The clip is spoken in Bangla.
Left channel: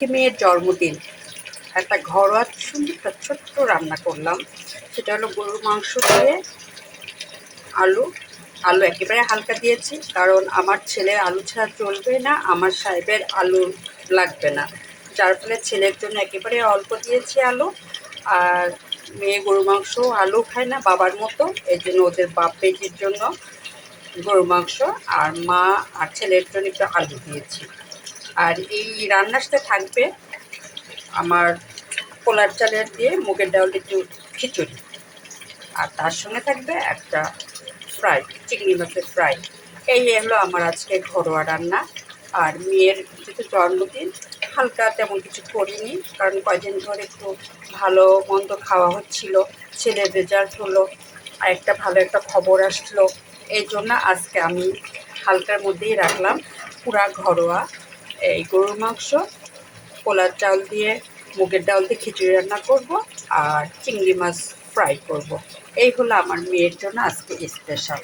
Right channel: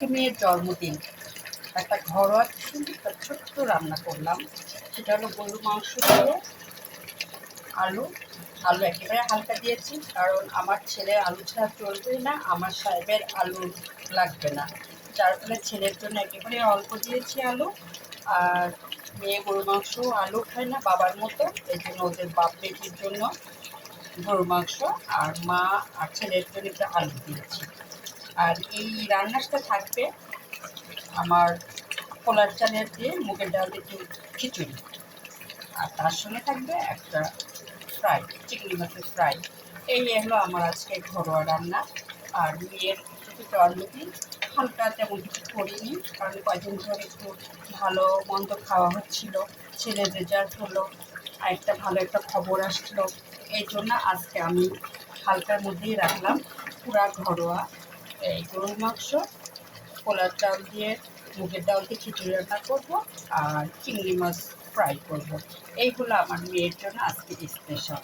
মেয়ের জন্মদিন একটা ঘরোয়া সুন্দর একটা ছোট্ট রান্না করলাম। সেটা হলো গরুর মাংস দিয়ে আলু। আলু একেবারে হালকা দিয়েছি, কারণ আমার ছেলের আলু ছাড়া চলবে না, আমার সাহেবের আলু লাগবে না, যার ফলে ছেলের জন্য একেবারে অল্প দিয়েছি আলু। আর মেয়ে গরু মাংস আলু খায় না বাবার মতো, এই জন্য ওদের বাপ বেটির জন্য গরু মাংস, আর মা আর ছেলের জন্য একটু আলু দিয়েছি। আর এই রান্নার সাথে থাকবে আমার পোলার চালের দিয়ে মুগের ডাল একটু খিচুড়ি, আর তার সঙ্গে থাকবে একটা ফ্রাই, চিংড়ি মাছের ফ্রাই। এই হলো আমার আজকে ঘরোয়া রান্না। আর মেয়ের যেহেতু জন্মদিন, হালকা তেমন কিছু করিনি, কারণ কয়দিন ধরে একটু ভালো মন্দ খাওয়া হচ্ছিল, ছেলের রেজাল্ট হলো, আর একটা ভালো একটা খবর আসলো, এই জন্য আজকে আমি হালকার মধ্যেই রাখলাম। পুরা ঘরোয়া এই গরুর মাংস, পোলার চাল দিয়ে মুগের ডাল দিয়ে খিচুড়ি রান্না করব, আর চিংড়ি মাছ ফ্রাই করব। এই হলো আমার মেয়ের জন্য আজকে স্পেশাল।